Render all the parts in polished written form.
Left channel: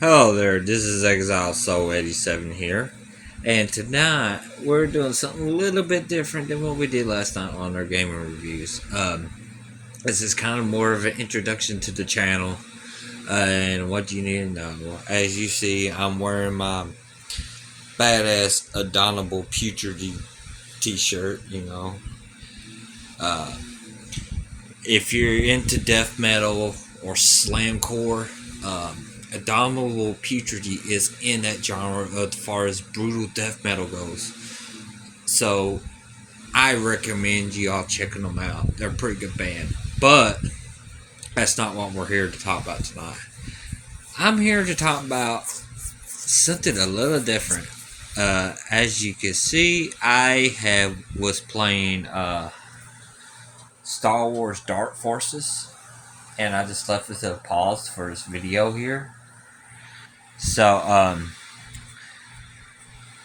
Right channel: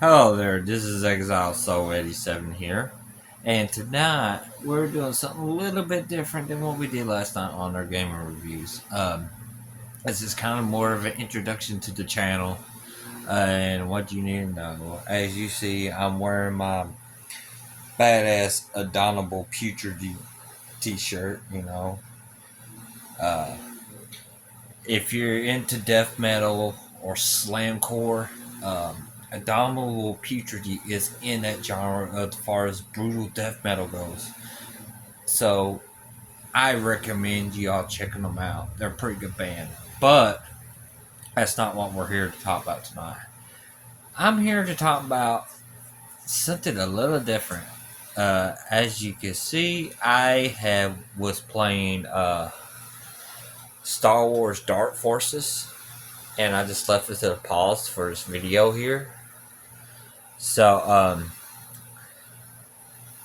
Hello there, this is Exile Soul 87 here. And tonight we're doing something a little bit different than what we did last night on our gaming reviews. This is kind of more of an introduction to the channel and what you need to know. As you see, I'm wearing my badass Adonable Putrid t-shirt, Uh, if you're into death metal or slamcore, Abominable Putrid is in that genre as far as brutal death metal goes. So I recommend you all checking them out. They're a pretty good band. But that's not what we're here to talk about tonight. I'm here to talk about something a little different. As you can see, I was playing Star Wars Dark Forces, and I just left it at a pause for this video here. So,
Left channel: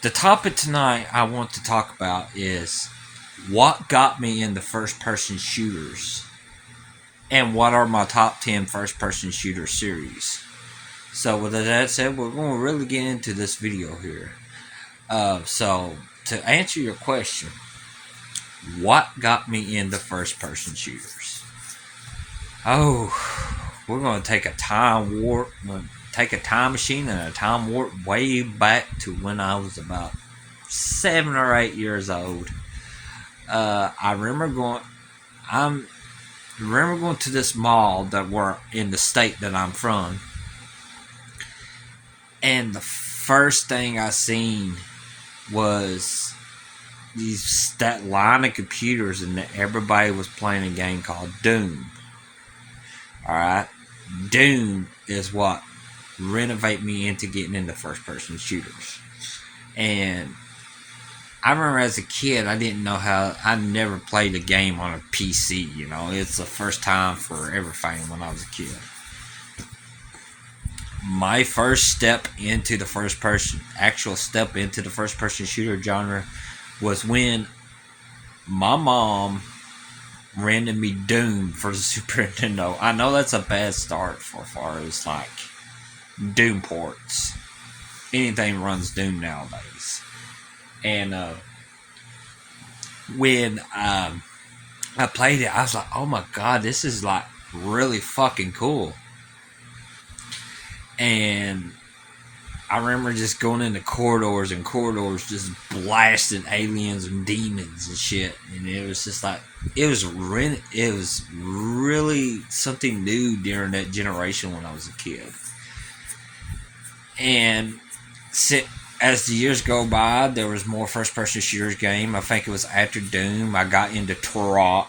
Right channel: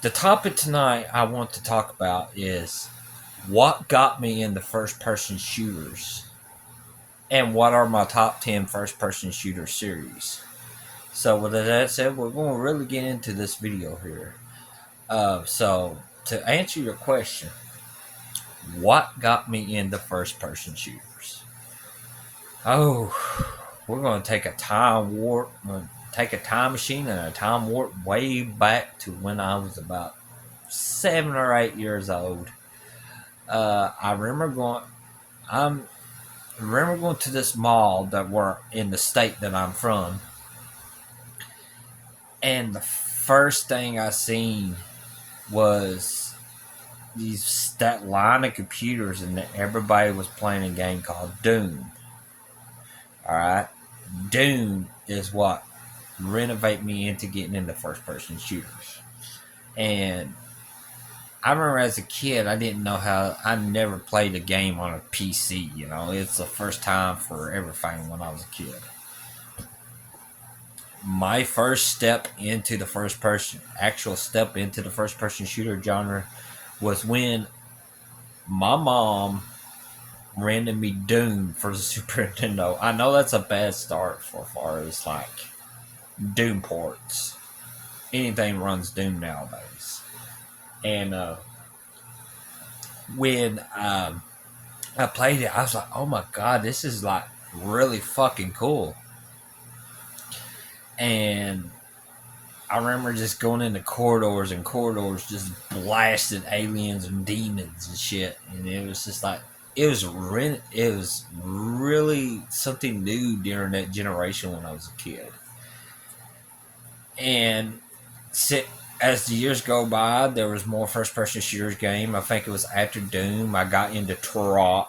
the topic tonight I want to talk about is what got me into first person shooters and what are my top 10 first person shooter series. So, with that said, we're going to really get into this video here. So, to answer your question, what got me into first person shooters? Oh, we're going to take a time warp, take a time machine and a time warp way back to when I was about 7 or 8 years old. I remember going to this mall that were in the state that I'm from, and the first thing I seen was that line of computers, and everybody was playing a game called Doom. Alright? Doom is what renovate me into getting into first person shooters. And I remember as a kid, I didn't know how. I never played a game on a PC. It's the first time for everything when I was a kid. My first step into the actual step into the first person shooter genre was when my mom rented me Doom for the Super Nintendo. I know that's a bad start for far as like Doom ports. Anything runs Doom nowadays. And when I played it, I was like, oh my god, this is like really fucking cool. And I remember just going into corridors and corridors just blasting aliens and demons and shit. And it was just like, it was really something new during that generation when I was a kid. And as the years go by, there was more first-person shooters game. I think it was after Doom. I got into Turok.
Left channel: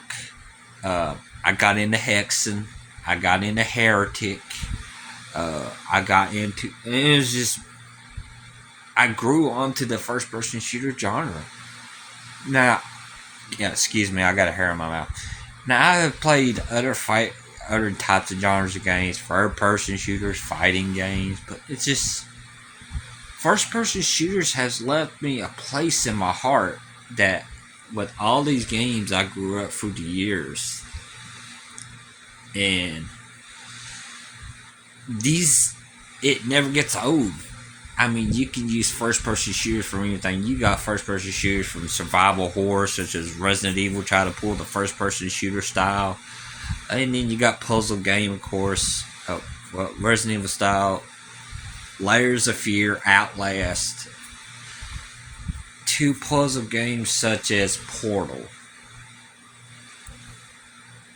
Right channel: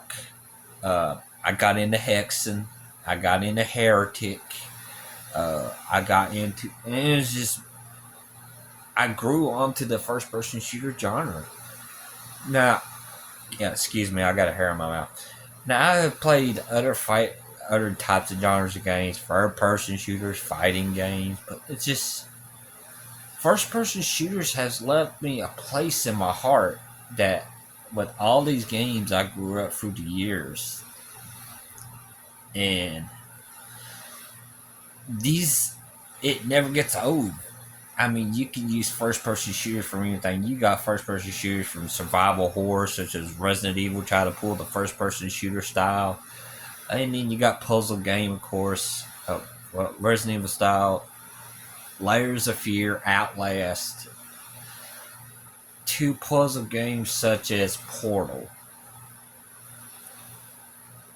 I got into Hexen. I got into Heretic. I got into... It was just... I grew onto the first-person shooter genre. Now... Yeah, excuse me, I got a hair in my mouth. Now, I have played other types of genres of games. Third-person shooters, fighting games. But it's just... First-person shooters has left me a place in my heart that with all these games I grew up through the years. And it never gets old. I mean, you can use first-person shooters from anything. You got first-person shooters from survival horror, such as Resident Evil, try to pull the first-person shooter style. And then you got puzzle game, of course, Resident Evil style. Layers of Fear, Outlast, to puzzle games such as Portal.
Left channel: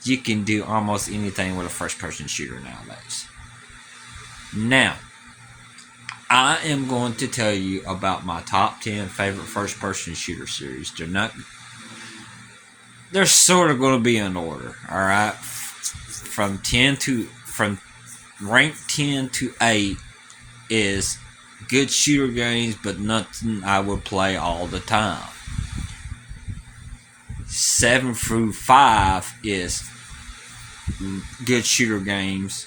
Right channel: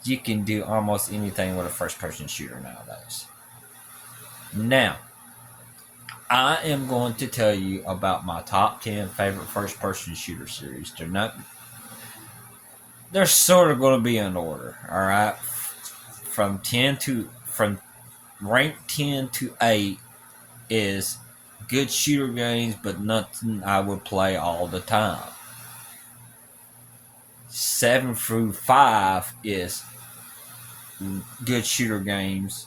You can do almost anything with a first-person shooter nowadays. Now, I am going to tell you about my top 10 favorite first-person shooter series. They're sort of going to be in order, alright? From rank 10 to 8 is good shooter games, but nothing I would play all the time. 7 through 5 is good shooter games,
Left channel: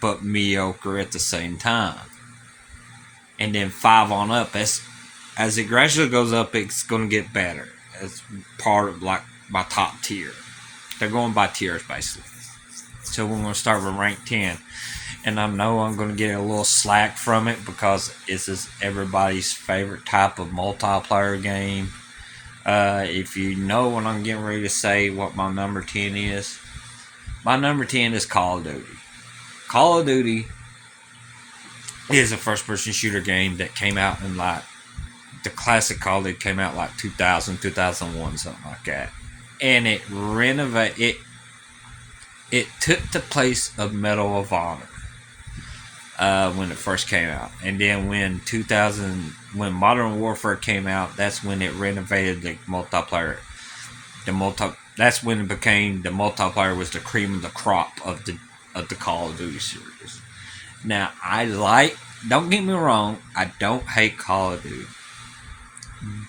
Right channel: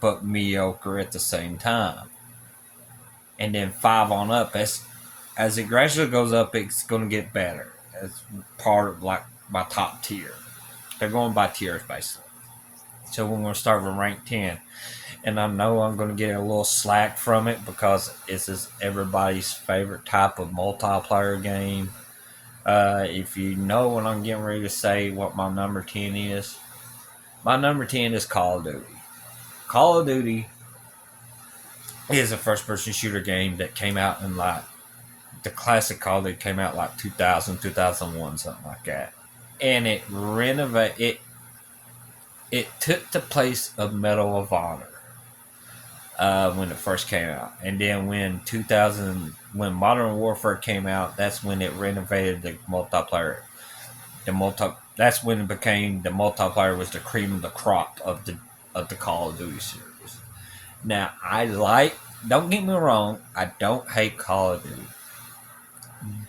but mediocre at the same time. And then 5 on up, as it gradually goes up, it's going to get better. It's part of like my top tier. They're going by tiers basically. So we're going to start with rank 10. And I know I'm going to get a little slack from it because this is everybody's favorite type of multiplayer game. If you know what I'm getting ready to say, what my number 10 is, my number 10 is Call of Duty. Call of Duty is a first person shooter game that came out in like the classic Call of Duty came out like 2000, 2001, something like that. And it took the place of Medal of Honor when it first came out. And then when Modern Warfare came out, that's when it renovated the multiplayer. That's when it became the multiplayer was the cream of the crop of the Call of Duty series. Now don't get me wrong, I don't hate Call of Duty,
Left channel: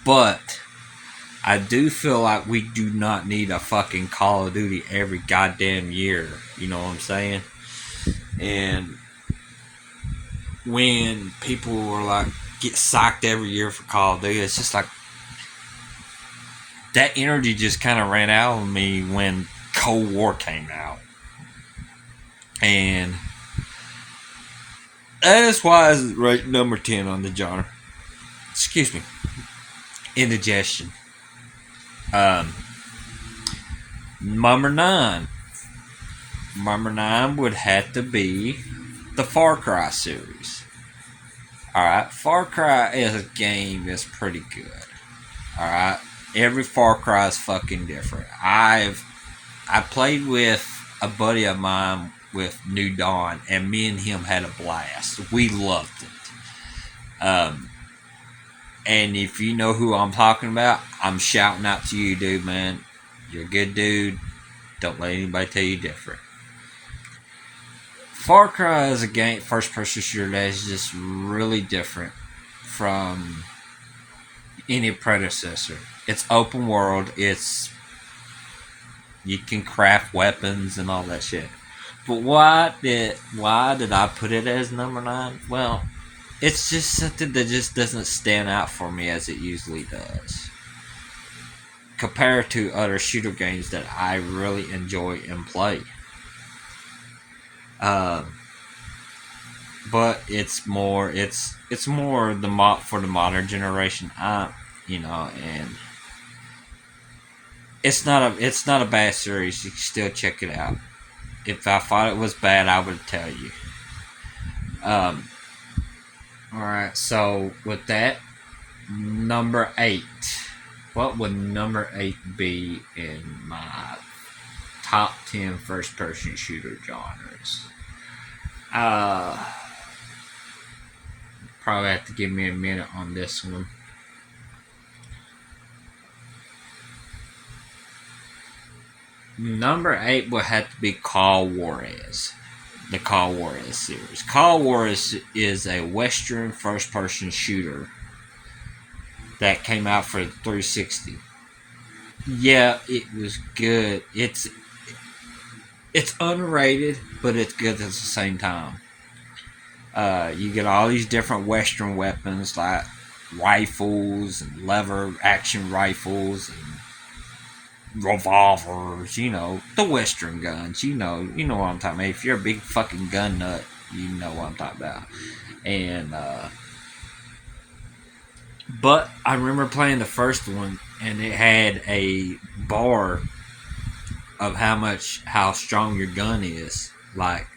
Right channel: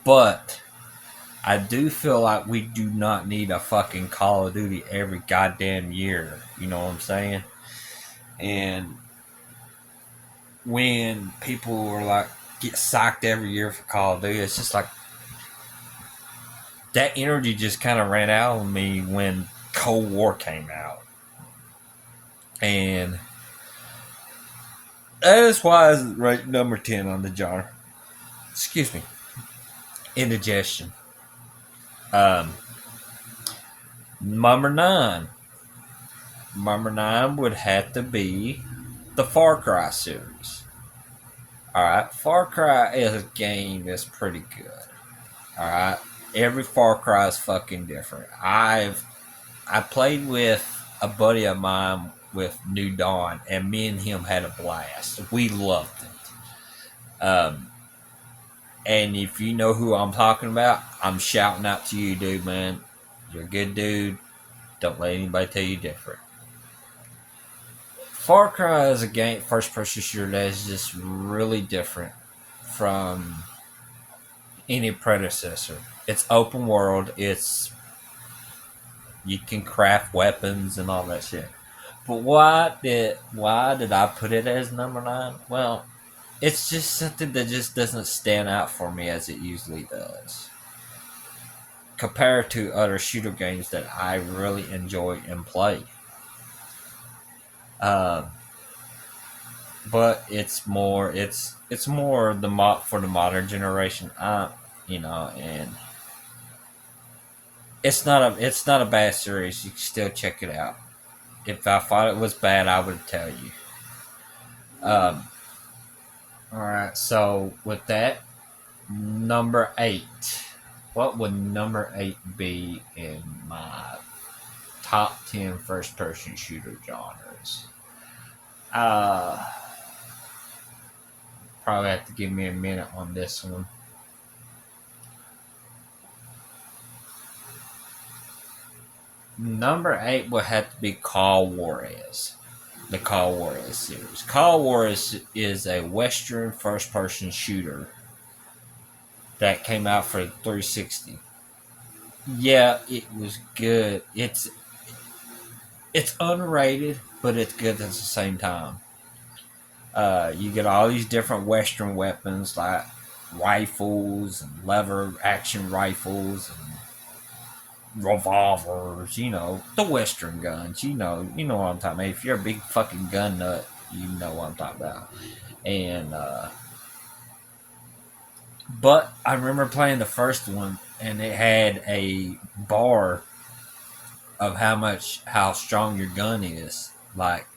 but I do feel like we do not need a fucking Call of Duty every goddamn year. You know what I'm saying? And when people are like get psyched every year for Call of Duty, it's just like that energy just kind of ran out of me when Cold War came out. And that's why it's right number 10 on the jar. Excuse me. Indigestion. Number 9. Number 9 would have to be the Far Cry series. Alright, Far Cry is a game that's pretty good. Alright, every Far Cry is fucking different. I played with a buddy of mine with New Dawn, and me and him had a blast. We loved it. And if you know who I'm talking about, I'm shouting out to you, dude, man. You're a good dude. Don't let anybody tell you different. Far Cry is a game, first-person shooter that is just really different from any predecessor. It's open world. You can craft weapons and all that shit. But why did I put it as number 9? Well, it's just something that just doesn't stand out for me as it usually does, compared to other shooter games that I really enjoy and play. But it's more for the modern generation. And it's not a bad series. You can still check it out. If I thought it was bad, I would tell you. Alright, so with that, number 8. What would number 8 be in my top 10 first person shooter genres? Probably have to give me a minute on this one. Number 8 would have to be Call Juarez. The Call Juarez series. Call Juarez is a Western first-person shooter that came out for the 360. Yeah, it was good. It's underrated, but it's good at the same time. You get all these different Western weapons like rifles and lever action rifles and revolvers, the Western guns, you know what I'm talking about. If you're a big fucking gun nut, you know what I'm talking about. And but I remember playing the first one, and it had a bar of how strong your gun is. Like,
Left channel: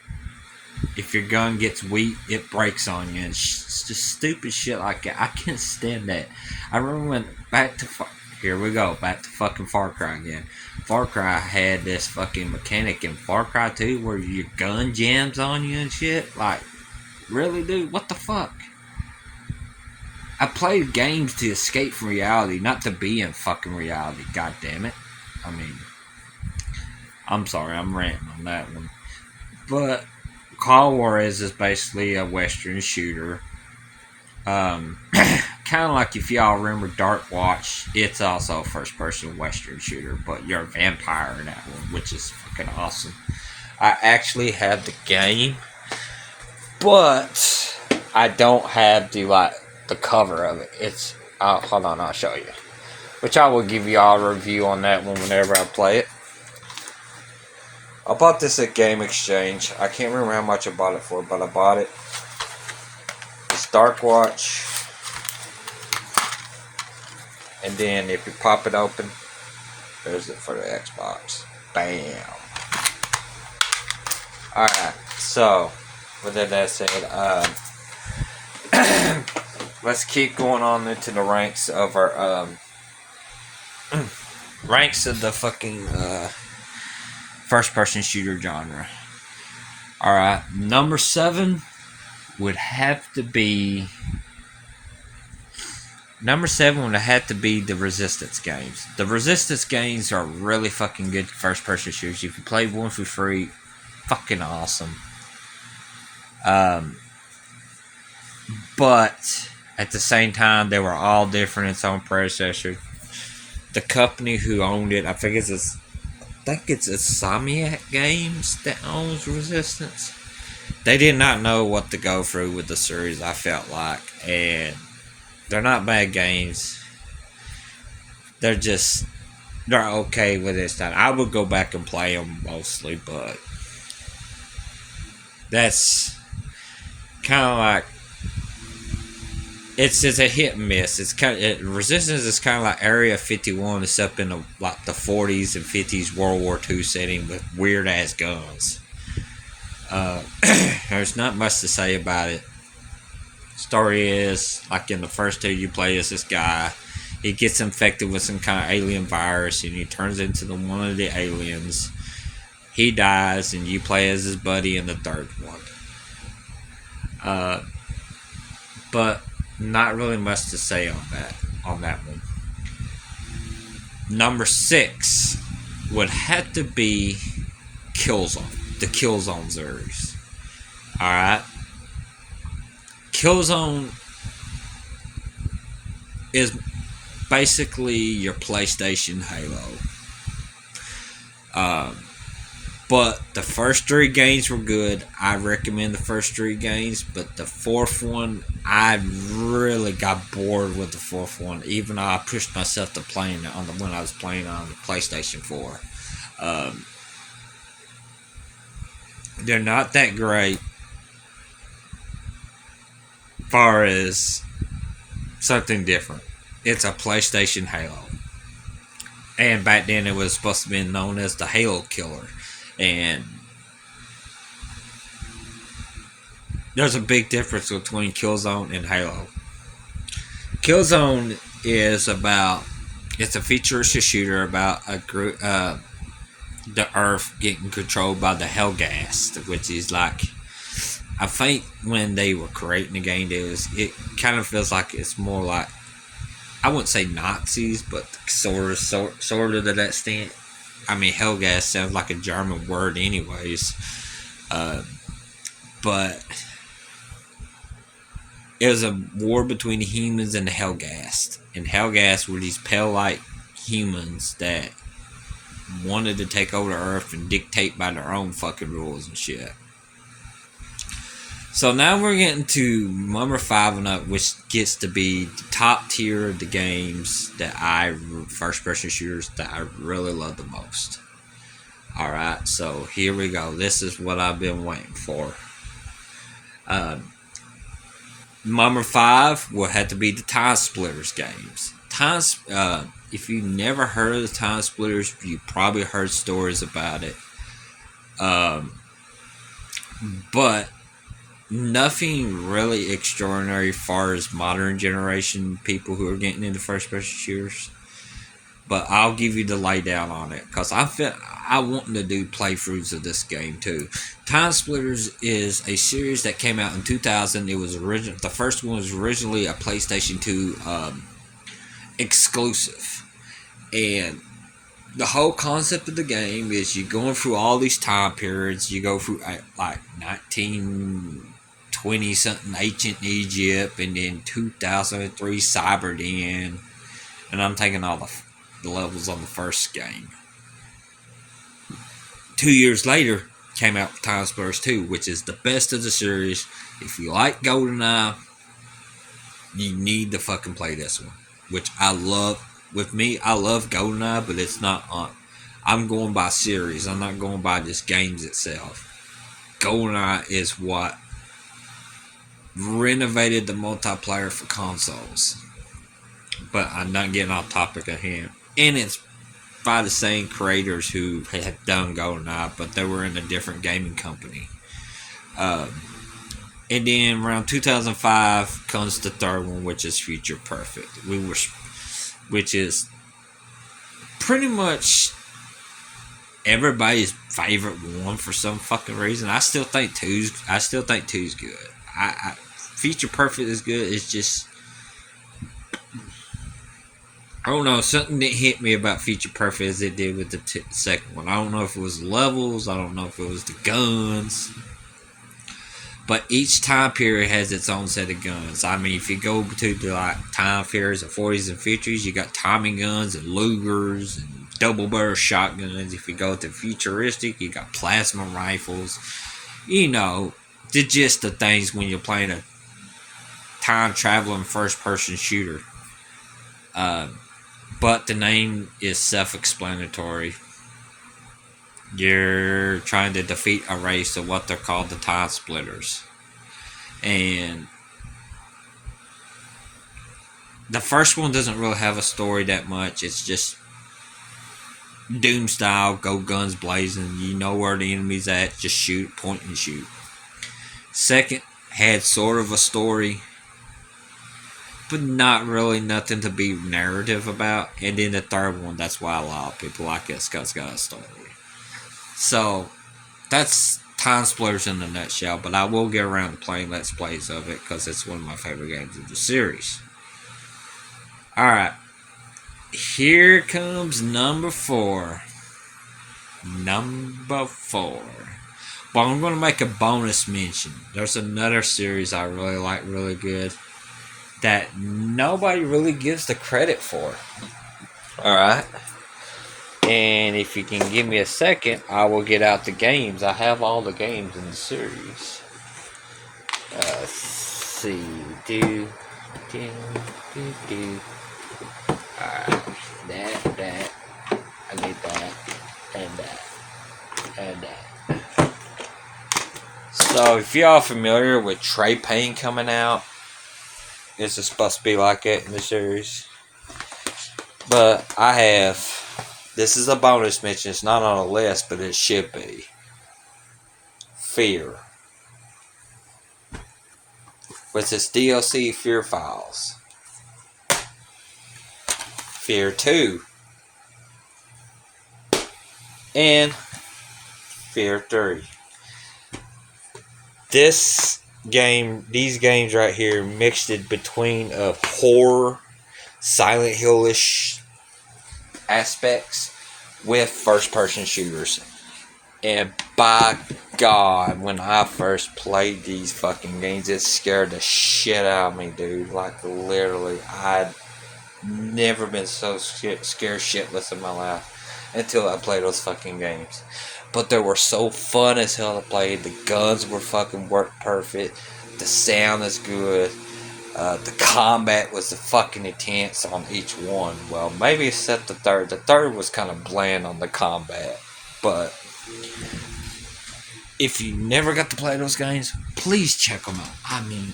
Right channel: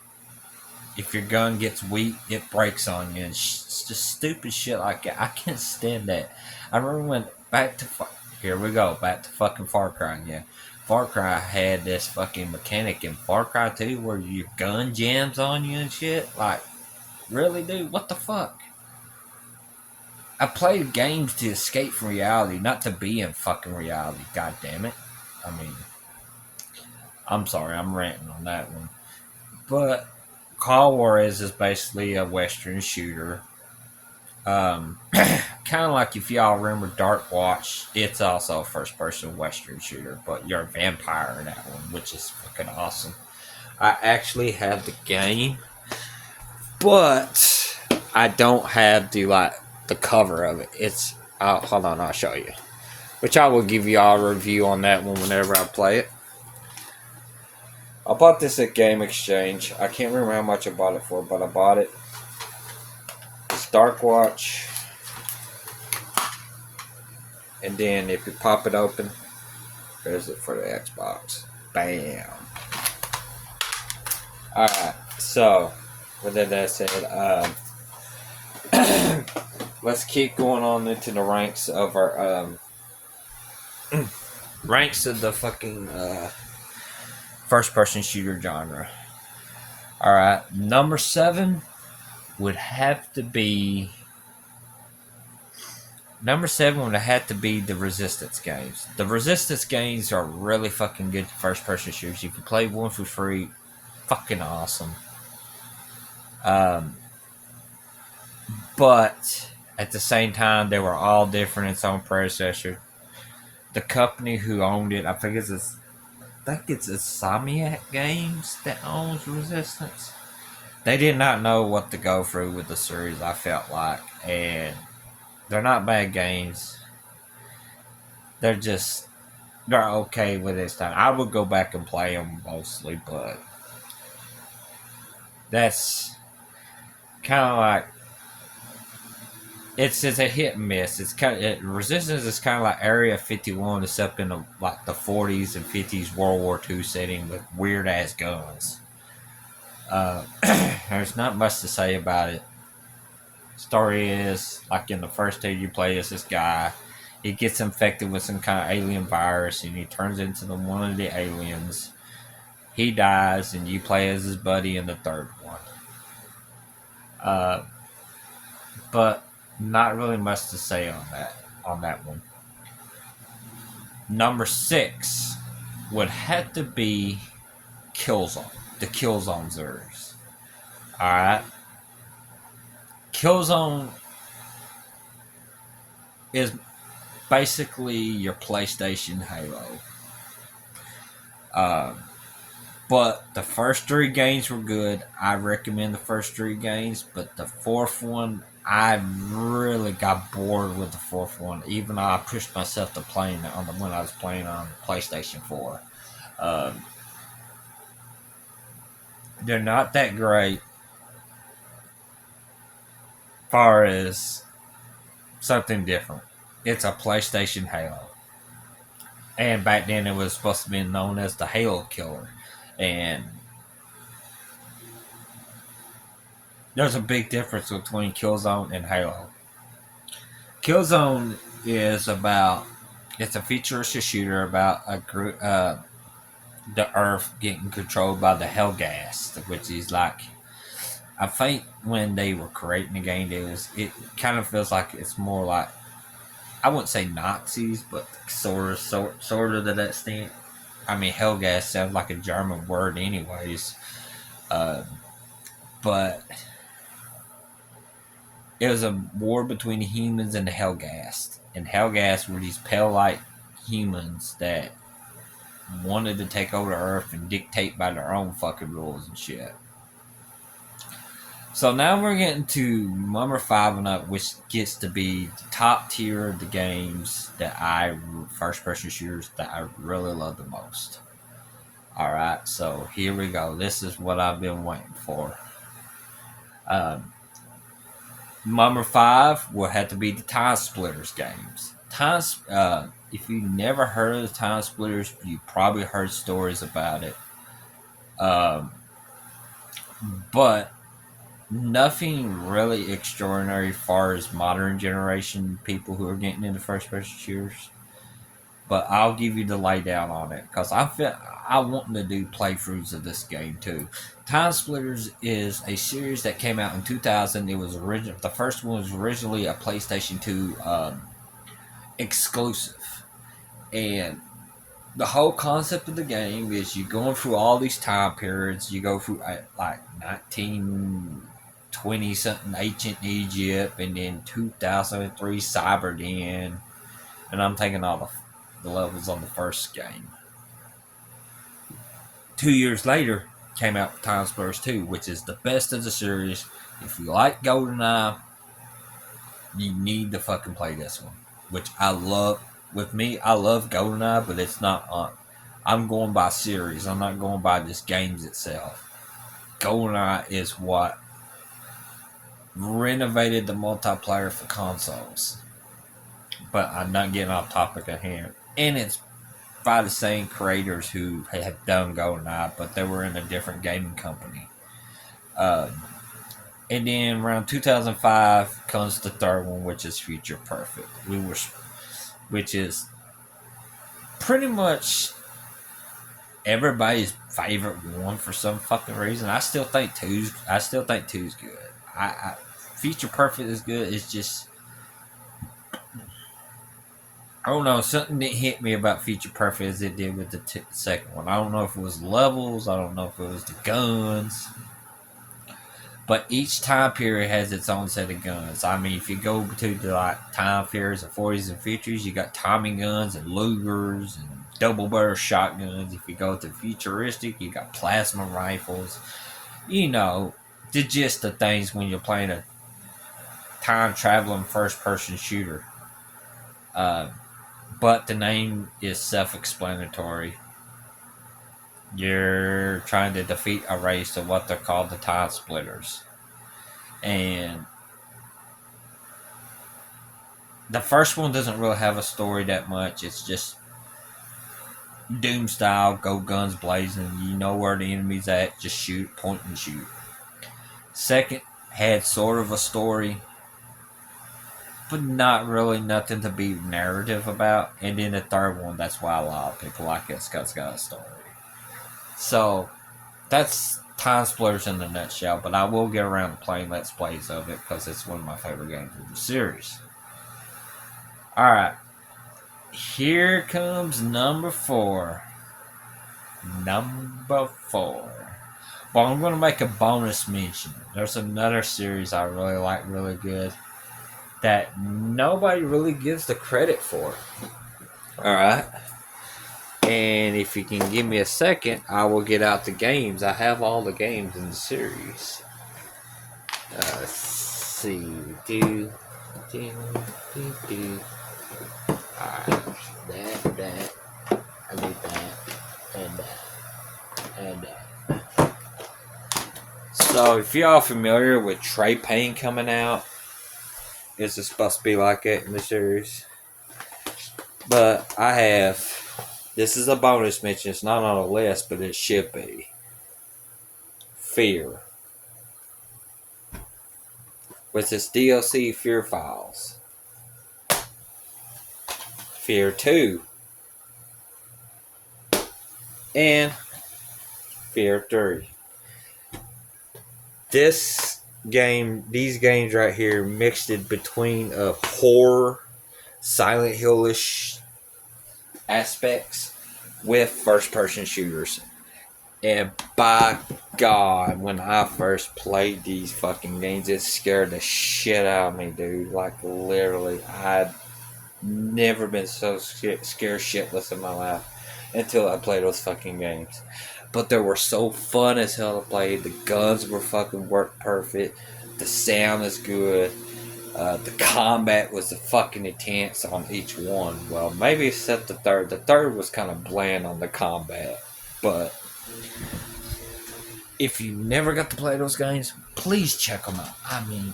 if your gun gets weak, it breaks on you, and it's just stupid shit like that. I can't stand that. I remember when back to fucking Far Cry again. Far Cry had this fucking mechanic in Far Cry 2 where your gun jams on you and shit. Like, really, dude? What the fuck? I played games to escape from reality, not to be in fucking reality. God damn it. I mean, I'm sorry, I'm ranting on that one. But Call Juarez is basically a Western shooter. Kind of like if y'all remember Dark Watch, it's also a first-person Western shooter, but you're a vampire in that one, which is fucking awesome. I actually have the game, but I don't have the cover of it. It's hold on, I'll show you. Which I will give you all a review on that one whenever I play it. I bought this at Game Exchange. I can't remember how much I bought it for, but I bought it. It's Dark Watch. And then if you pop it open, there's it for the Xbox. Bam. Alright, so with that said, let's keep going on into the ranks of our ranks of the fucking first person shooter genre. Alright, number 7 would have to be the Resistance games. The Resistance games are really fucking good first person shooters. If you play one for free, fucking awesome. But at the same time, they were all different in its own predecessor. The company who owned it, I think it's Insomniac Games that owns Resistance. They did not know what to go through with the series, I felt like, and they're not bad games. They're okay with this time. I would go back and play them mostly, but that's kind of like it's a hit and miss. Resistance is kind of like Area 51, except in the 40s and 50s World War II setting with weird ass guns. There's not much to say about it. Story is, like in the first 2 you play as this guy, he gets infected with some kind of alien virus and he turns into one of the aliens. He dies and you play as his buddy in the third one. But not really much to say on that one. Number 6 would have to be Killzone, the Killzone series. Alright. Killzone is basically your PlayStation Halo. But the first 3 games were good. I recommend the first 3 games, but the 4th one, I really got bored with the 4th one. Even though I pushed myself to playing it when I was playing on the PlayStation 4. They're not that great. As far as something different, it's a PlayStation Halo, and back then it was supposed to be known as the Halo Killer. And there's a big difference between Killzone and Halo. Killzone is it's a futuristic shooter about a group, the Earth getting controlled by the Helghast, which is like, I think when they were creating the game, it kind of feels like it's more like, I wouldn't say Nazis, but sort of to that extent. I mean, Helghast sounds like a German word anyways. But it was a war between the humans and the Helghast. And Helghast were these pale-like humans that wanted to take over the Earth and dictate by their own fucking rules and shit. So now we're getting to number 5 and up, which gets to be the top tier of the games first person shooters that I really love the most. Alright, so here we go. This is what I've been waiting for. Number 5 will have to be the Time Splitters games. If you never heard of the Time Splitters, you probably heard stories about it. But nothing really extraordinary as far as modern generation people who are getting into first person shooters. But I'll give you the laydown on it, because I want to do playthroughs of this game too. Time Splitters is a series that came out in 2000. It was the first one was originally a PlayStation 2 exclusive, and the whole concept of the game is you're going through all these time periods. You go through like 1920 something ancient Egypt, and then 2003 Cyberden, and I'm taking all the levels on the first game. 2 years later came out with Time Splitters 2, which is the best of the series. If you like GoldenEye, you need to fucking play this one, which I love. With me, I love GoldenEye, but it's not on. I'm going by series. I'm not going by just games itself. GoldenEye is what renovated the multiplayer for consoles. But I'm not getting off topic at hand. And it's by the same creators who have done GoldenEye, but they were in a different gaming company. And then around 2005 comes the third one, which is Future Perfect. Which is pretty much everybody's favorite one for some fucking reason. I still think two's good. Future Perfect is good. It's just, I don't know, something that hit me about Future Perfect as it did with the second one. I don't know if it was the levels. I don't know if it was the guns. But each time period has its own set of guns. I mean, if you go to the time periods of 40s and 50s, you got Tommy guns and Lugers and double barrel shotguns. If you go to futuristic, you got plasma rifles. You know, the gist of things when you're playing a time traveling first person shooter. But the name is self explanatory. You're trying to defeat a race of what they're called the Time Splitters. And the first one doesn't really have a story that much. It's just Doom style, go guns blazing. You know where the enemy's at, just shoot, point and shoot. Second had sort of a story, but not really nothing to be narrative about. And then the third one, that's why a lot of people like it, because it's got a story. So, that's Time Splitters in a nutshell, but I will get around to playing Let's Plays of it because it's one of my favorite games of the series. Alright, here comes number 4. Number 4. But I'm going to make a bonus mention. There's another series I really like, really good, that nobody really gives the credit for. Alright. And if you can give me a second, I will get out the games. I have all the games in the series. Let's see. Alright. That. I need that. And that. So, if y'all familiar with Trey Payne coming out, this is supposed to be like it in the series. But I have... This is a bonus mention. It's not on a list, but it should be. Fear. With its DLC, Fear Files. Fear 2. And Fear 3. These games right here, mixed it between a horror, Silent Hill-ish aspects with first-person shooters. And by God, when I first played these fucking games, it scared the shit out of me, dude. Like, literally, I'd never been so scared shitless in my life until I played those fucking games. But they were so fun as hell to play. The guns were fucking worked perfect. The sound is good. The combat was fucking intense on each one. Well, maybe except the third. The third was kind of bland on the combat. But if you never got to play those games, please check them out. I mean,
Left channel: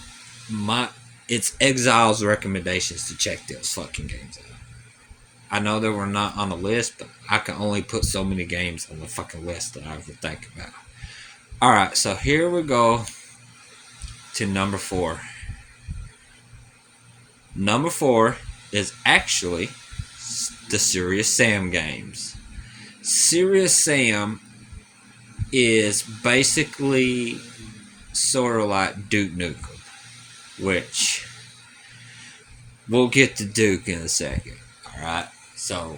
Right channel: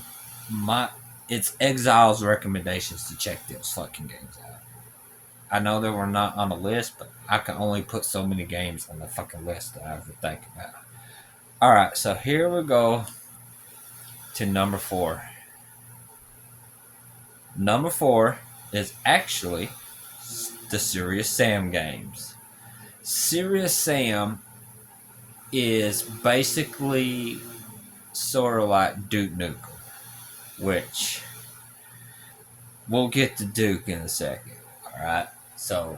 it's Exile's recommendations to check those fucking games out. I know they were not on the list, but I can only put so many games on the fucking list that I ever think about. Alright, so here we go to number 4. Number 4 is actually the Serious Sam games. Serious Sam is basically sort of like Duke Nukem, which we'll get to Duke in a second. Alright, so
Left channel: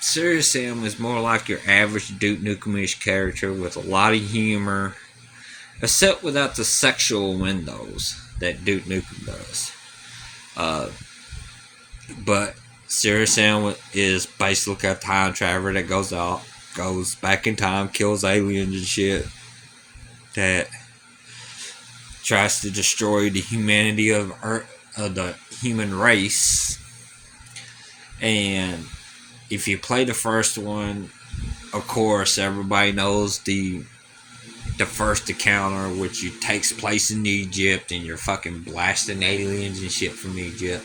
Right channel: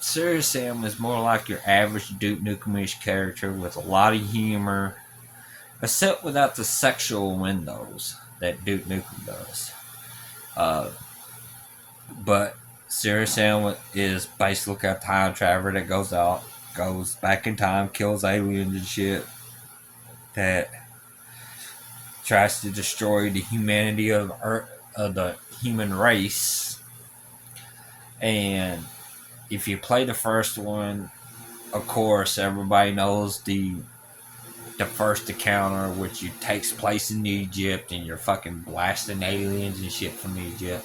Serious Sam is more like your average Duke Nukem-ish character with a lot of humor, except without the sexual windows that Duke Nukem does. But Serious Sam is basically a time traveler that goes back in time, kills aliens and shit, that tries to destroy the humanity of the human race. And if you play the first one, of course, everybody knows the first encounter, which takes place in Egypt, and you're fucking blasting aliens and shit from Egypt.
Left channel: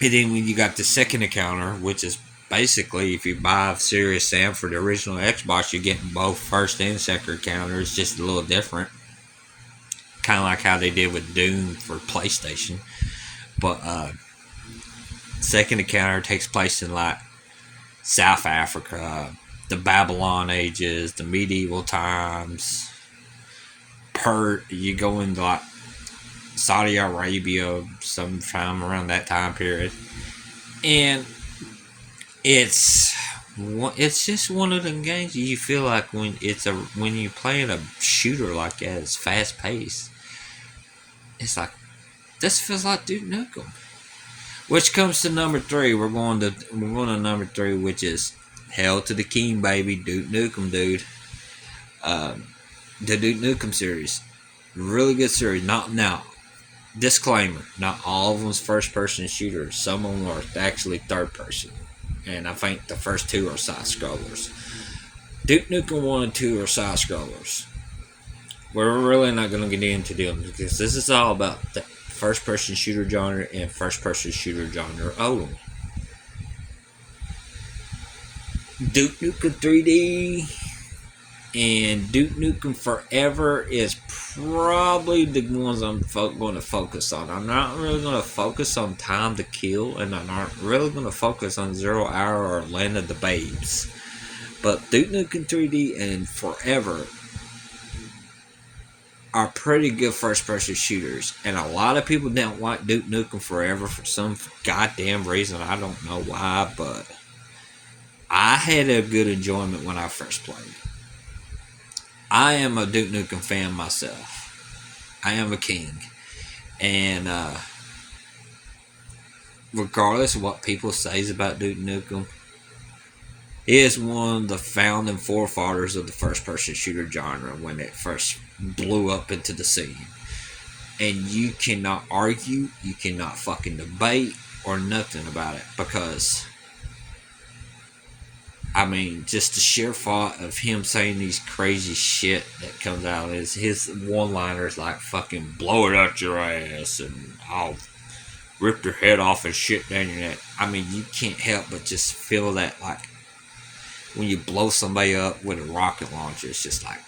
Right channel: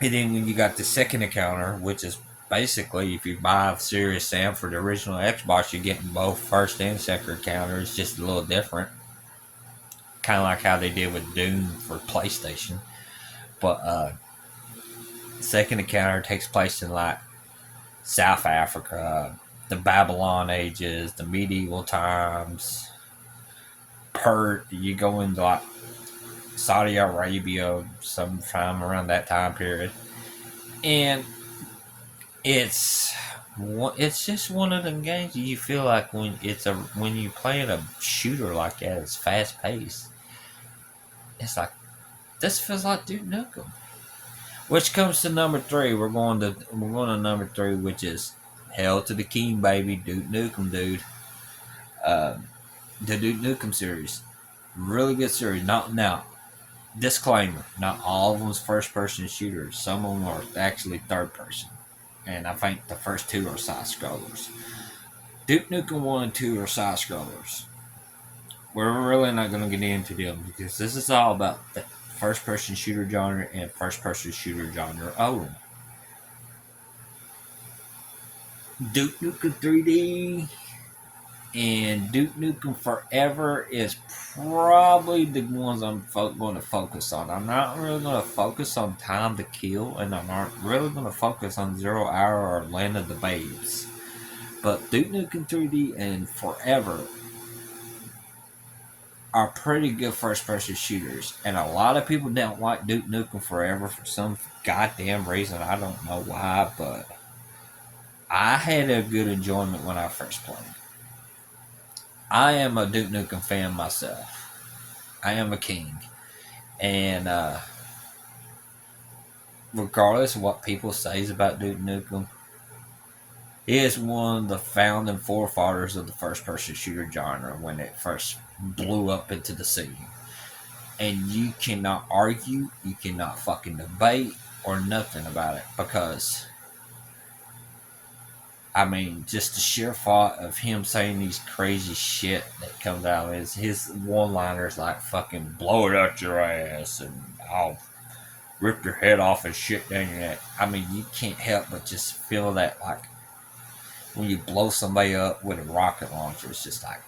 And then when you got the second encounter, which is basically if you buy Serious Sam for the original Xbox, you're getting both first and second encounter. It's just a little different, kind of like how they did with Doom for PlayStation. But second encounter takes place in like South Africa, the Babylon ages, the medieval times. You go into like Saudi Arabia sometime around that time period, and it's just one of them games you feel like when you're playing a shooter like that, it's fast paced. It's like this feels like Duke Nukem. Which comes to number three. We're going to number three, which is Hell to the King, baby, Duke Nukem, dude. The Duke Nukem series, really good series. Not now. Disclaimer: not all of them's first person shooters. Some of them are actually third person, and I think the first two are side scrollers. Duke Nukem 1 and 2 are side scrollers. We're really not going to get into them because this is all about the first person shooter genre and first person shooter genre only. Duke Nukem 3D and Duke Nukem Forever is probably the ones I'm going to focus on. I'm not really going to focus on Time to Kill, and I'm not really going to focus on Zero Hour or Land of the Babes. But Duke Nukem 3D and Forever are pretty good first-person shooters, and a lot of people don't like Duke Nukem Forever for some goddamn reason. I don't know why, but I had a good enjoyment when I first played. I am a Duke Nukem fan myself. I am a king. And regardless of what people say about Duke Nukem, he is one of the founding forefathers of the first-person shooter genre when it first blew up into the scene. And you cannot argue, you cannot fucking debate or nothing about it, because I mean, just the sheer thought of him saying these crazy shit that comes out is his one-liners like fucking blow it out your ass and I'll rip your head off and shit down your neck. I mean, you can't help but just feel that, like, when you blow somebody up with a rocket launcher, it's just like,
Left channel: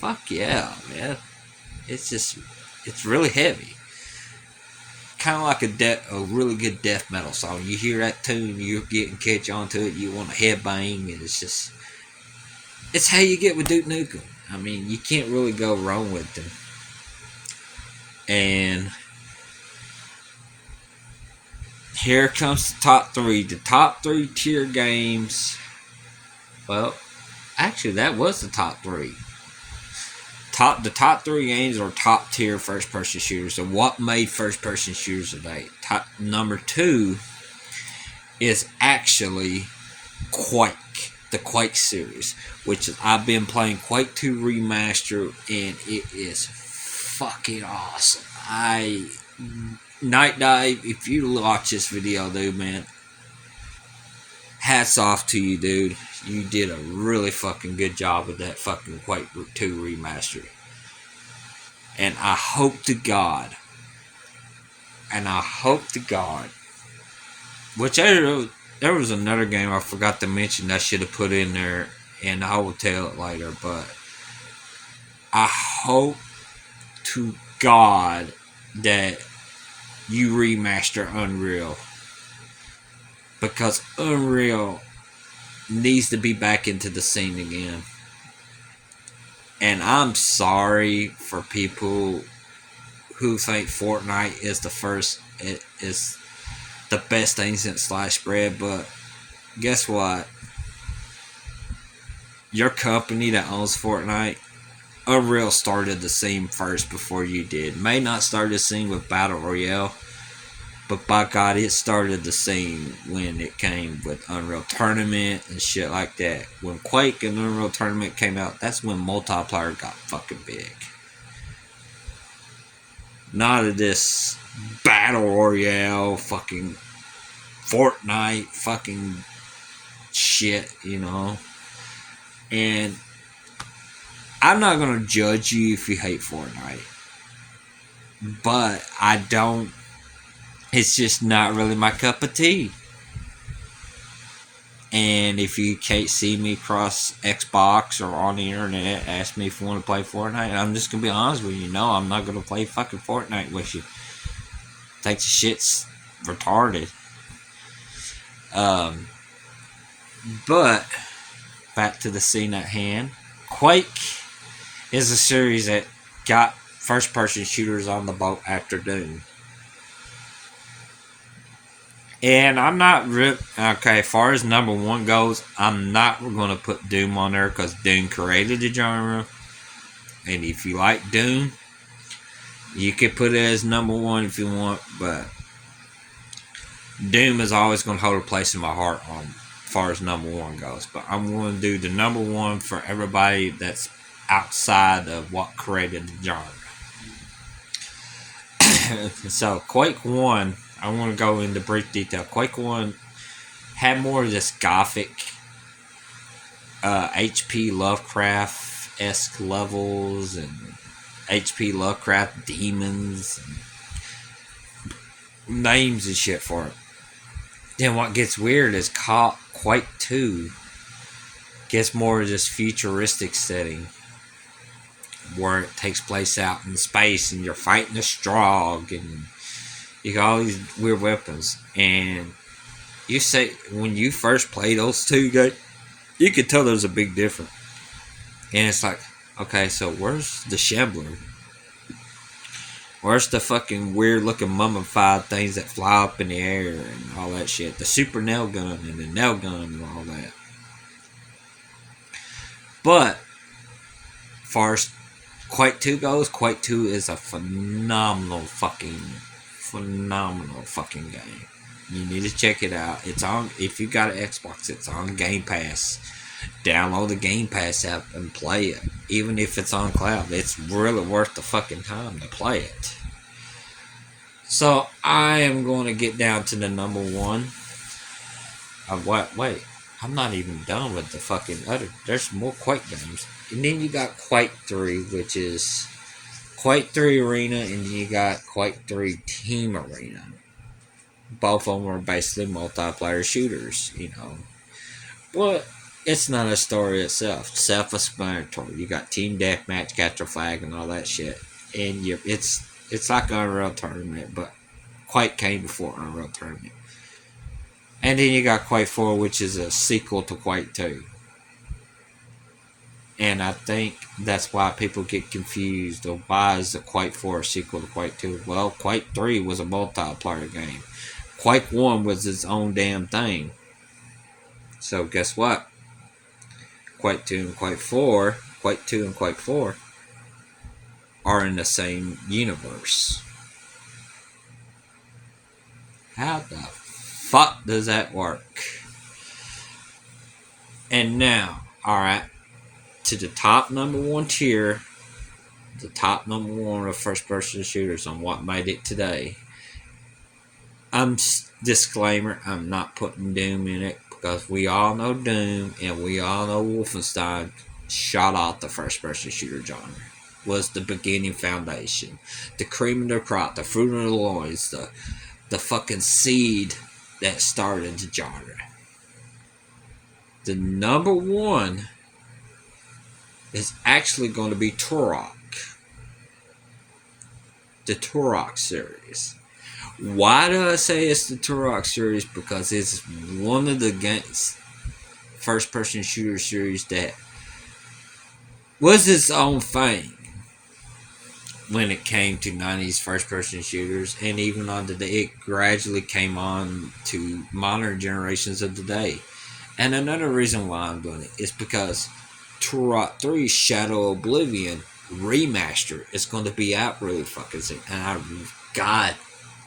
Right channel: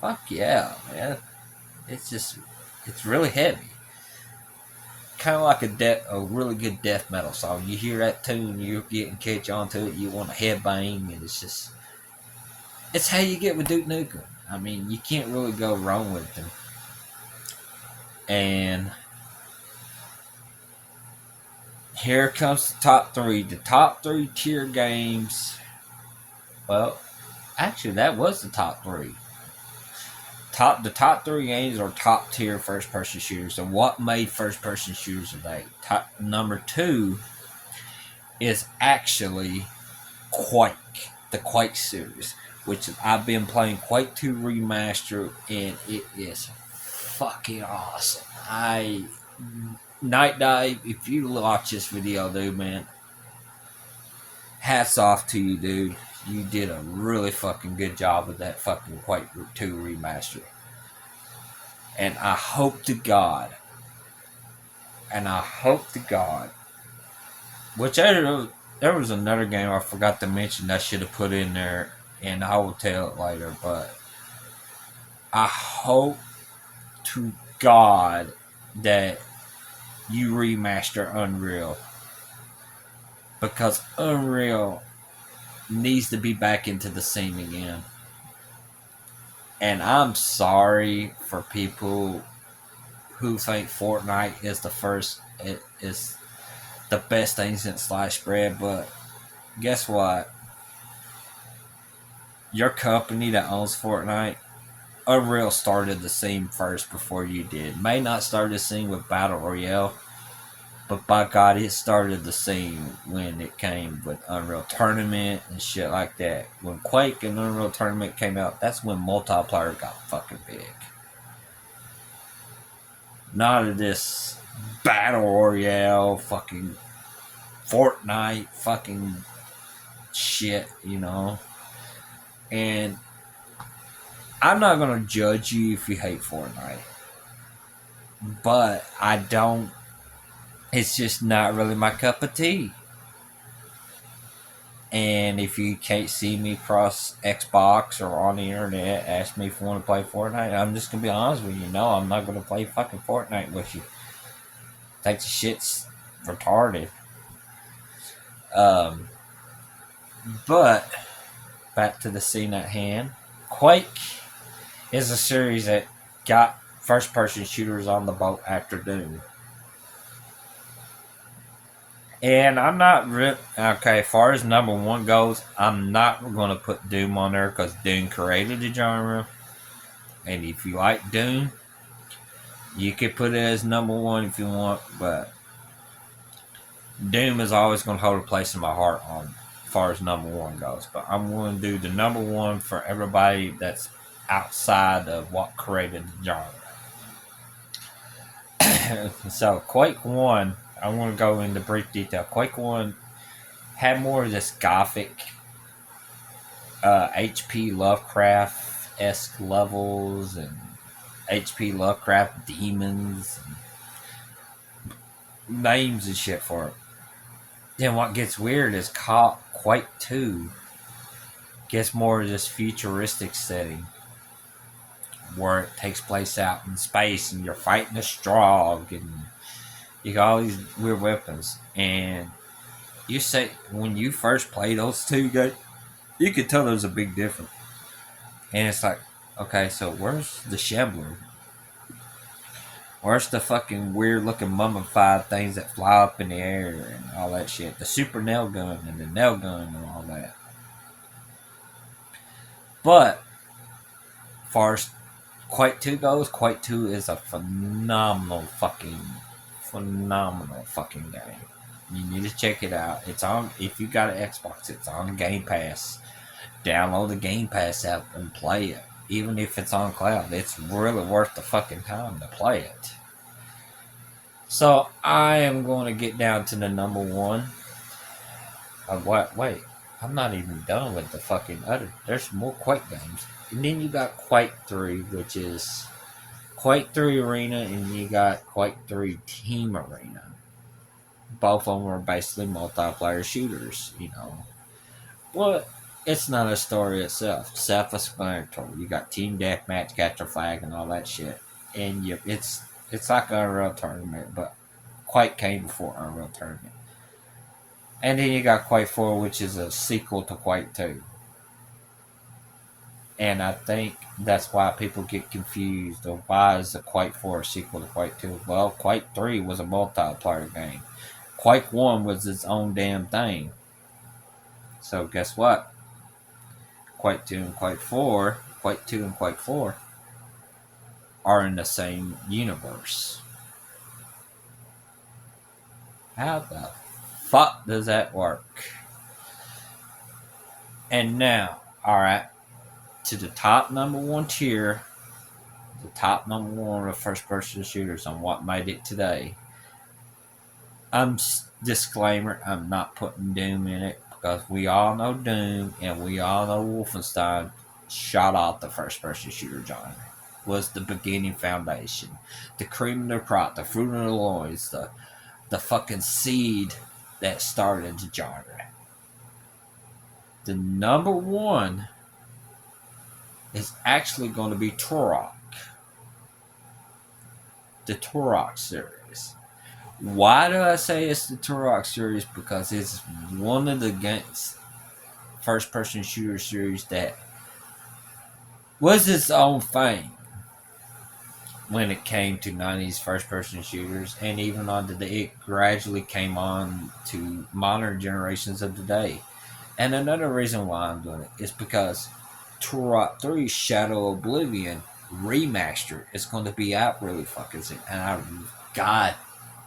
fuck yeah, man. It's really heavy. Kind of like a really good death metal song. You hear that tune, you're getting catch onto it, you want to headbang, and it's how you get with Duke Nukem. I mean, you can't really go wrong with them. And here comes the top three. The top three tier games. Well, actually, that was the top three. The top three games are top tier first person shooters. So what made first person shooters today? Number two is actually Quake, the Quake series, which is, I've been playing Quake 2 Remastered, and it is fucking awesome. Night Dive, if you watch this video, dude, man, hats off to you, dude. You did a really fucking good job with that fucking Quake 2 Remastered. And I hope to God, which there was another game I forgot to mention I should have put in there, and I will tell it later, but I hope to God that you remaster Unreal, because Unreal needs to be back into the scene again. And I'm sorry for people who think Fortnite is the best thing since sliced bread, but guess what? Your company that owns Fortnite, Unreal, started the scene first before you did. May not start the scene with Battle Royale, but by God, it started the scene when it came with Unreal Tournament and shit like that. When Quake and Unreal Tournament came out, that's when multiplayer got fucking big. Not of this Battle Royale, fucking Fortnite, fucking shit, you know. And I'm not gonna judge you if you hate Fortnite, but I don't. It's just not really my cup of tea. And if you can't see me across Xbox or on the internet, ask me if you want to play Fortnite. I'm just gonna be honest with you. No, I'm not gonna play fucking Fortnite with you. Think the shit's retarded. Um, but back to the scene at hand. Quake is a series that got first-person shooters on the boat after Doom. And I'm not okay. As far as number one goes, I'm not going to put Doom on there because Doom created the genre. And if you like Doom, you could put it as number one if you want. But Doom is always going to hold a place in my heart as far as number one goes. But I'm going to do the number one for everybody that's outside of what created the genre. So Quake 1, I want to go into brief detail. Quake 1 had more of this gothic H.P. Lovecraft-esque levels and H.P. Lovecraft demons and names and shit for it. Then what gets weird is Quake 2 gets more of this futuristic setting where it takes place out in space and you're fighting a Strogg and you got all these weird weapons. And you say when you first play those two guys, you could tell there's a big difference. And it's like, okay, so where's the Shambler? Where's the fucking weird looking mummified things that fly up in the air and all that shit? The super nail gun and the nail gun and all that. But as far as Quake 2 goes, Quake 2 is a phenomenal fucking game. You need to check it out. It's on, if you got an Xbox, it's on Game Pass. Download the Game Pass app and play it. Even if it's on cloud, it's really worth the fucking time to play it. So I am going to get down to the number one. Wait, I'm not even done with the fucking other. There's more Quake games. And then you got Quake 3, which is Quake 3 Arena, and you got Quake 3 Team Arena. Both of them are basically multiplayer shooters, you know. But it's not a story itself. Self-explanatory. You got Team Deathmatch, Capture Flag, and all that shit. And it's like an Unreal Tournament, but Quake came before Unreal Tournament. And then you got Quake 4, which is a sequel to Quake 2. And I think that's why people get confused of why is the Quake 4 a sequel to Quake 2. Well, Quake 3 was a multiplayer game. Quake 1 was its own damn thing. So guess what? Quake 2 and Quake 4, Quake 2 and Quake 4 are in the same universe. How the fuck does that work? And now, alright, to the top number one tier, the top number one of first person shooters on what made it today. Disclaimer, I'm not putting Doom in it because we all know Doom and we all know Wolfenstein shot off the first person shooter genre. Was the beginning foundation. The cream of the crop, the fruit of the loins, the fucking seed that started the genre. The number one is actually going to be Turok. The Turok series. Why do I say it's the Turok series? Because it's one of the first-person shooter series that was its own thing when it came to 90s first-person shooters, and even on today, it gradually came on to modern generations of today. And another reason why I'm doing it is because Turok 3 Shadow Oblivion remaster is going to be out really fucking soon, and God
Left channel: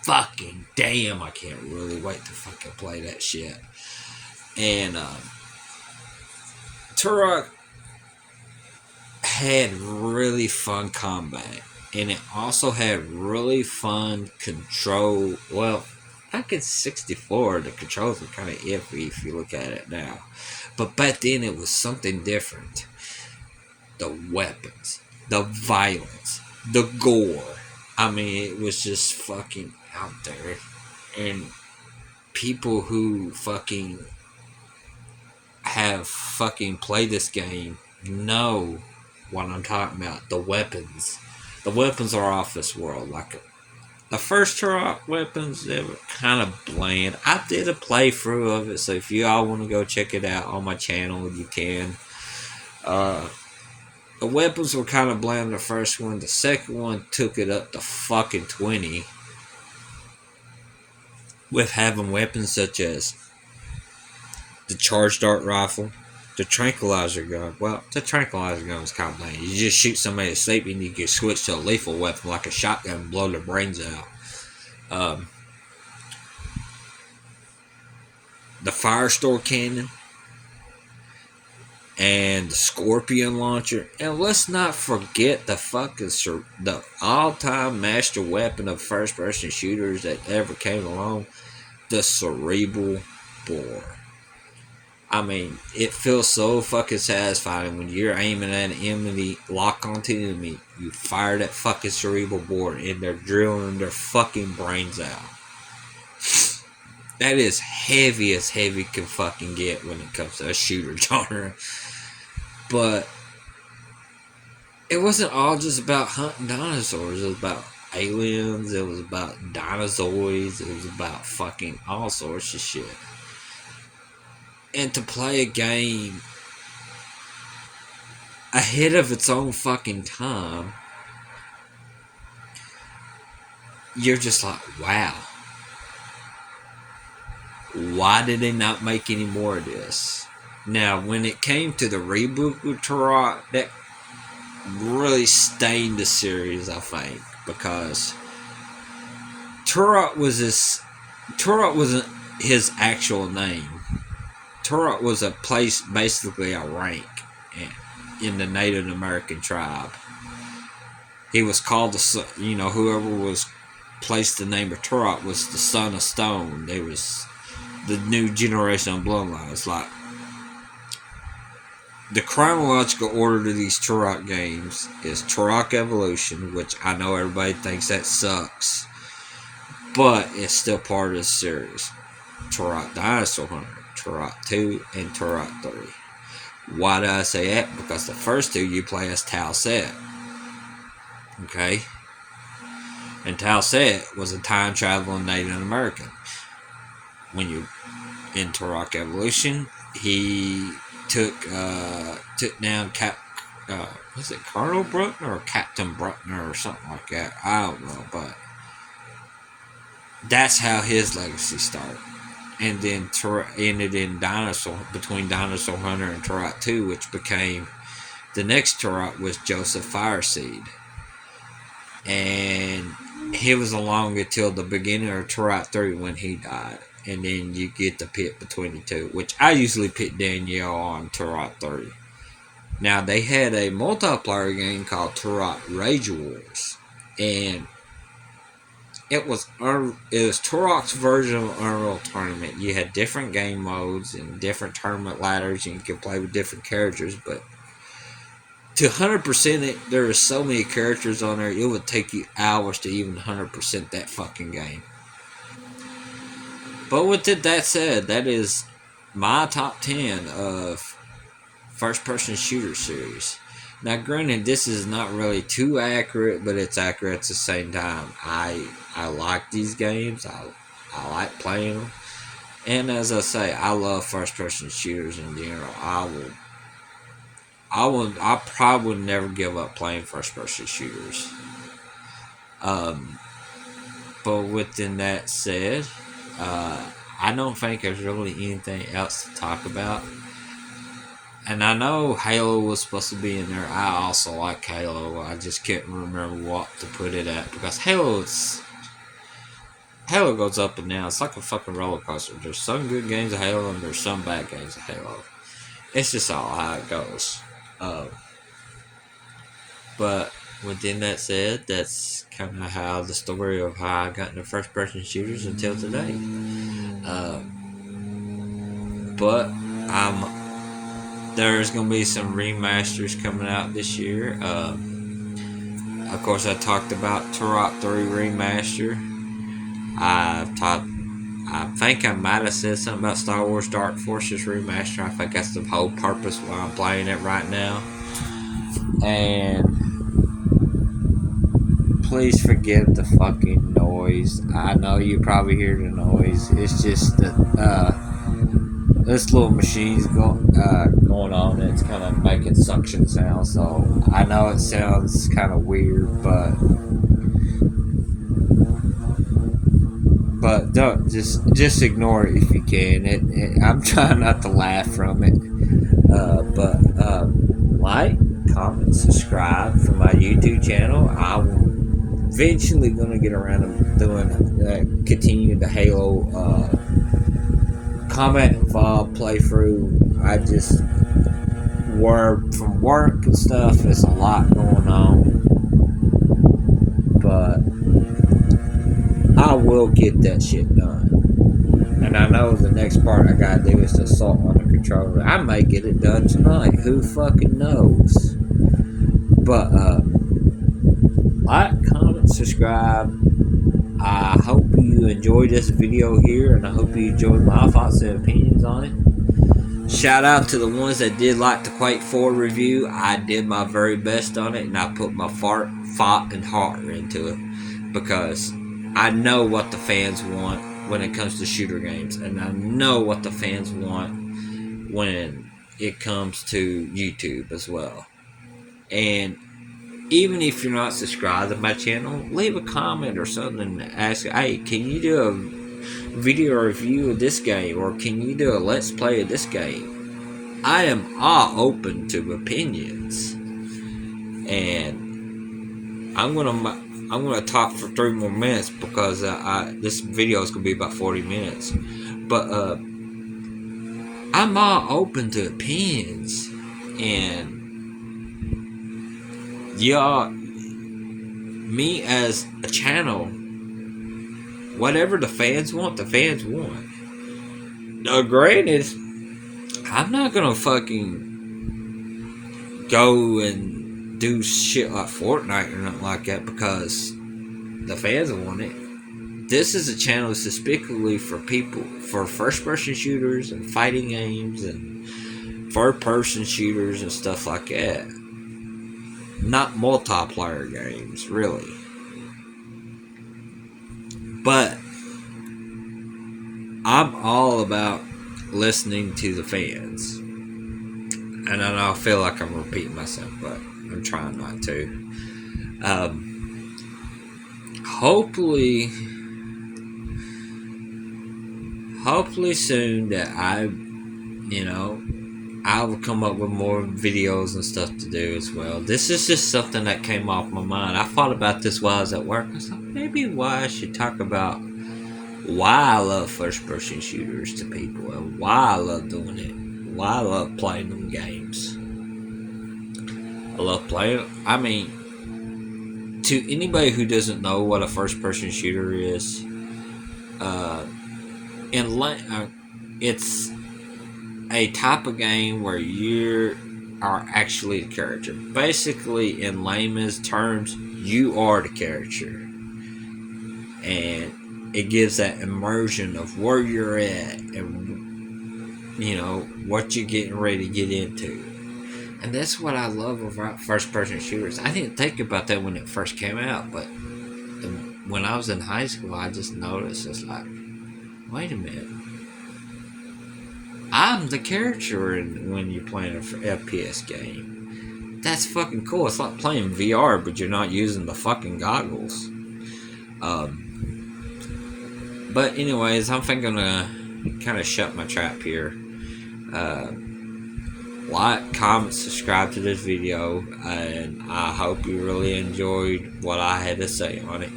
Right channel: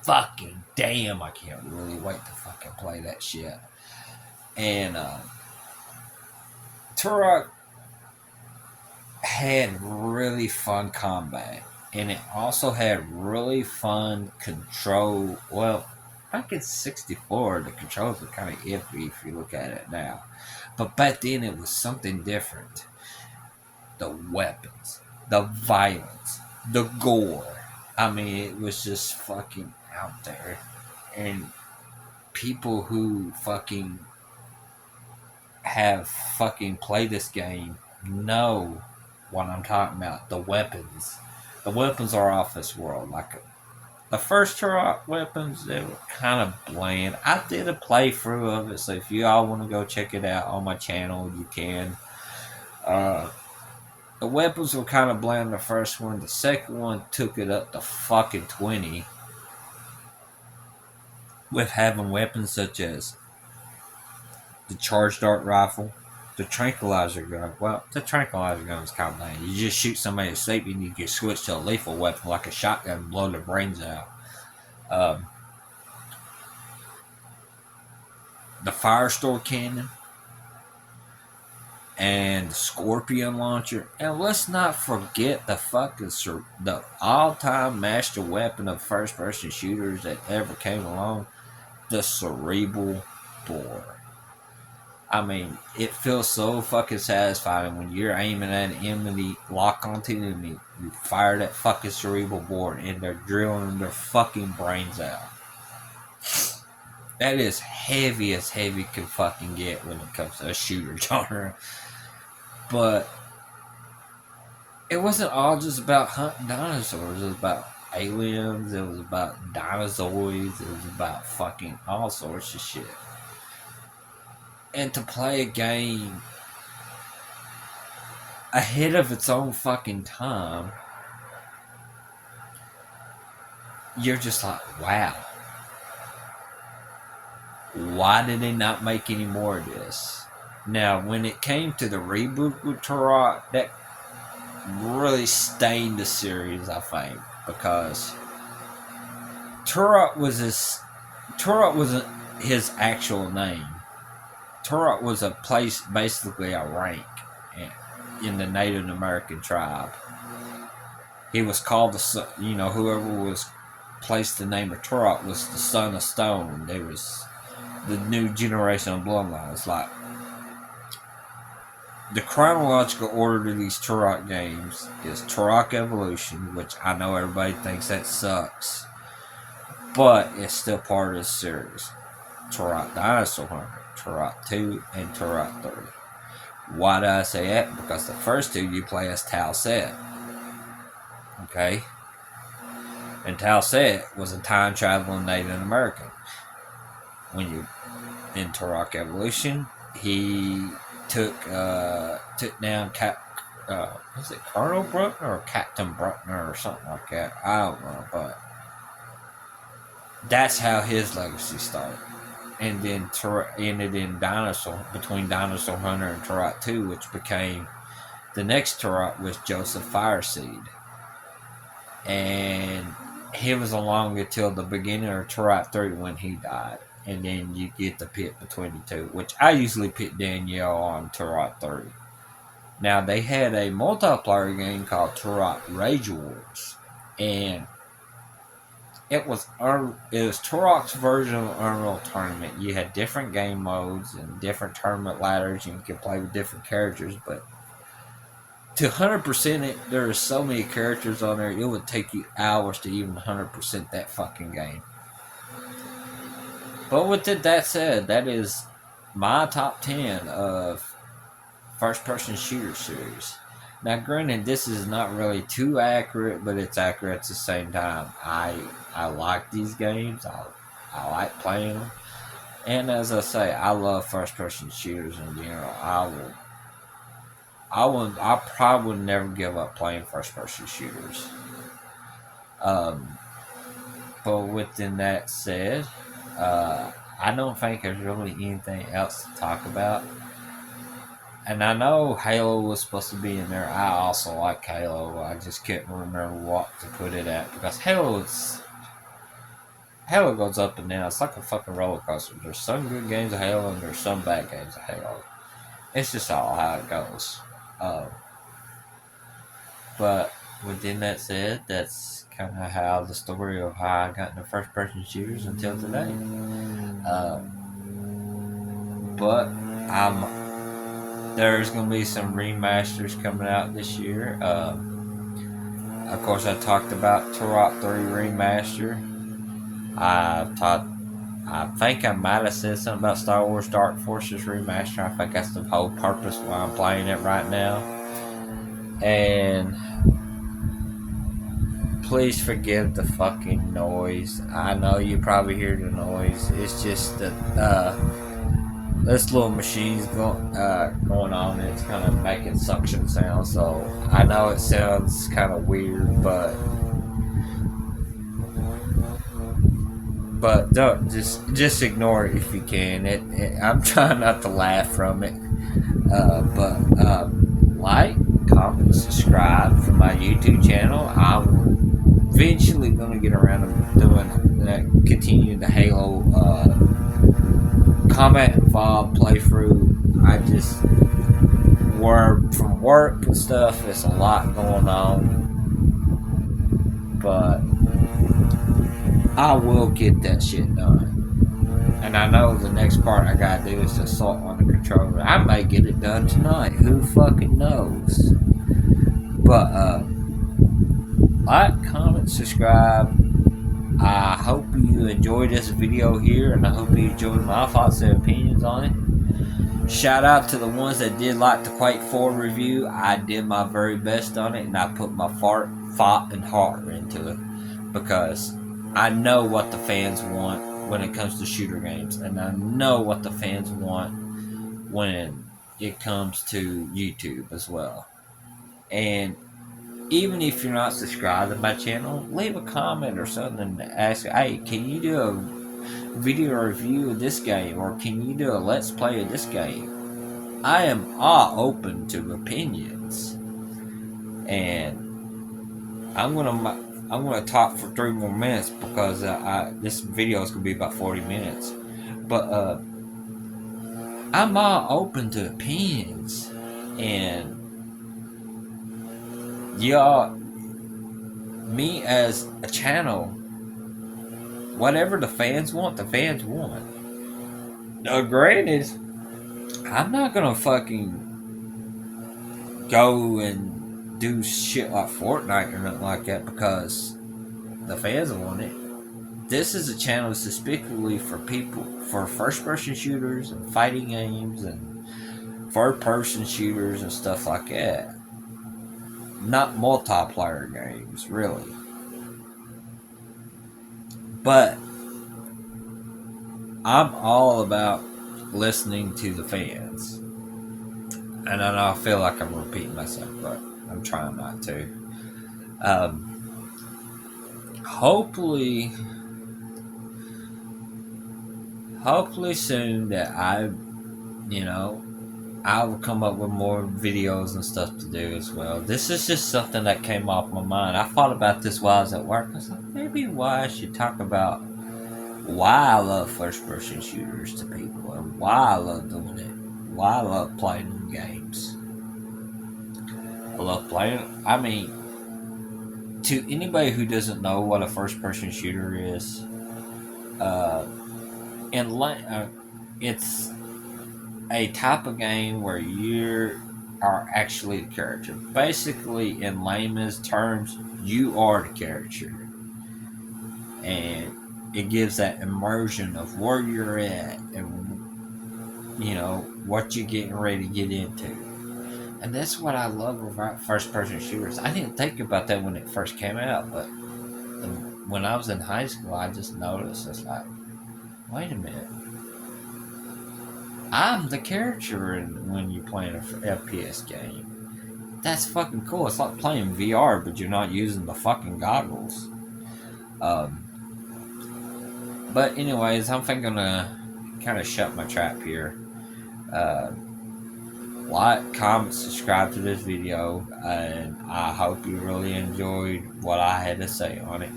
fucking damn, I can't really wait to fucking play that shit. And Turok had really fun combat, and it also had really fun control. Well, back in 64, the controls are kind of iffy if you look at it now. But back then, it was something different. The weapons, the violence, the gore. I mean, it was just fucking out there. And people who fucking have fucking played this game know what I'm talking about. The weapons. The weapons are off this world. Like the first Turok weapons, they were kind of bland. I did a playthrough of it, so if you all want to go check it out on my channel, you can. Uh, the weapons were kind of bland the first one. The second one took it up to fucking 20 with having weapons such as the charge dart rifle, the tranquilizer gun. Well, the tranquilizer gun was kind of lame. You just shoot somebody asleep and you can switch to a lethal weapon like a shotgun and blow their brains out. The Firestore cannon and the Scorpion launcher. And let's not forget the fucking the all-time master weapon of first-person shooters that ever came along, the Cerebral Bore. I mean, it feels so fucking satisfying when you're aiming at an enemy, lock onto an enemy, you fire that fucking Cerebral Bore and they're drilling their fucking brains out. That is heavy as heavy can fucking get when it comes to a shooter genre. But it wasn't all just about hunting dinosaurs. It was about aliens. It was about dinosaurs. It was about fucking all sorts of shit. And to play a game ahead of its own fucking time, you're just like, wow. Why did they not make any more of this? Now, when it came to the reboot with Turok, that really stained the series, I think, because Turok wasn't his actual name. Turok was a place, basically a rank in the Native American tribe. He was called whoever was placed the name of Turok was the Son of Stone. They was the new generation of bloodlines. Like the chronological order to these Turok games is Turok Evolution, which I know everybody thinks that sucks, but it's still part of this series. Turok Dinosaur Hunter, Turok 2, and Turok 3. Why do I say that? Because the first two you play as Tau Set. Okay? And Tau Set was a time traveling Native American. When you in Turok Evolution, he took down was it Colonel Bruckner or Captain Bruckner or something like that? I don't know, but that's how his legacy started. And then ended in between Dinosaur Hunter and Turok 2, which became the next Turok was Joseph Fireseed. And he was along until the beginning of Turok 3 when he died. And then you get the pit between the two, which I usually pit Danielle on Turok 3. Now, they had a multiplayer game called Turok Rage Wars. And it was Turok's version of Unreal Tournament. You had different game modes and different tournament ladders, and you could play with different characters. But to 100% it, there are so many characters on there, it would take you hours to even 100% that fucking game. But with that said, that is my top 10 of first-person shooter series. Now, granted, this is not really too accurate, but it's accurate at the same time. I like these games. I like playing them. And as I say, I love first-person shooters in general. I probably would never give up playing first-person shooters. But within that said, I don't think there's really anything else to talk about. And I know Halo was supposed to be in there. I also like Halo. I just couldn't remember what to put it at because Halo goes up and down. It's like a fucking roller coaster. There's some good games of Halo and there's some bad games of Halo. It's just all how it goes. But within that said, that's kind of how the story of how I got into first person shooters until today. Uh, but there's gonna be some remasters coming out this year. Of course, I talked about Turok 3 remaster. I've talked. I think I might have said something about Star Wars Dark Forces remaster. I think that's the whole purpose why I'm playing it right now. And please forgive the fucking noise. I know you probably hear the noise. It's just that this little machine's going on. And it's kind of making suction sounds. So I know it sounds kind of weird, but don't just ignore it if you can. I'm trying not to laugh from it. But like, comment, subscribe for my YouTube channel. I'm eventually gonna get around to doing continue the Halo combat involved playthrough. I just from work and stuff. There's a lot going on, but I will get that shit done. And I know the next part I gotta do is the assault on the controller. I may get it done tonight. Who fucking knows? But like, comment, subscribe. I hope you enjoyed this video here, and I hope you enjoyed my thoughts and opinions on it. Shout out to the ones that did like the Quake 4 review. I did my very best on it, and I put my thought and heart into it, because I know what the fans want when it comes to shooter games, and I know what the fans want when it comes to YouTube as well. And even if you're not subscribed to my channel, leave a comment or something and ask, hey, can you do a video review of this game, or can you do a let's play of this game? I am all open to opinions, and I'm gonna talk for 3 more minutes because this video is gonna be about 40 minutes. But I'm all open to opinions, and y'all, me as a channel, whatever the fans want, the fans want. Now, granted, I'm not gonna fucking go and do shit like Fortnite or nothing like that because the fans want it. This is a channel specifically for people, for first-person shooters and fighting games and third-person shooters and stuff like that. Not multiplayer games, really. But I'm all about listening to the fans. And I know I feel like I'm repeating myself, but I'm trying not to. Hopefully soon that I will come up with more videos and stuff to do as well. This is just something that came off my mind. I thought about this while I was at work. I thought maybe why I should talk about why I love first-person shooters to people and why I love doing it. Why I love playing them games. I love playing. I mean, to anybody who doesn't know what a first-person shooter is, it's a type of game where you are actually the character. Basically, in layman's terms, you are the character, and it gives that immersion of where you're at and what you're getting ready to get into. And that's what I love about first-person shooters. I didn't think about that when it first came out, but when I was in high school, I just noticed, it's like, wait a minute, I'm the character when you're playing an FPS game. That's fucking cool. It's like playing VR, but you're not using the fucking goggles. But anyways, I'm thinking to kind of shut my trap here. Like, comment, subscribe to this video, and I hope you really enjoyed what I had to say on it.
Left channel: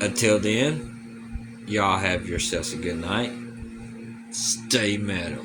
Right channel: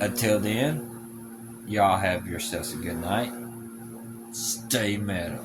Until then, y'all have yourselves a good night. Stay metal.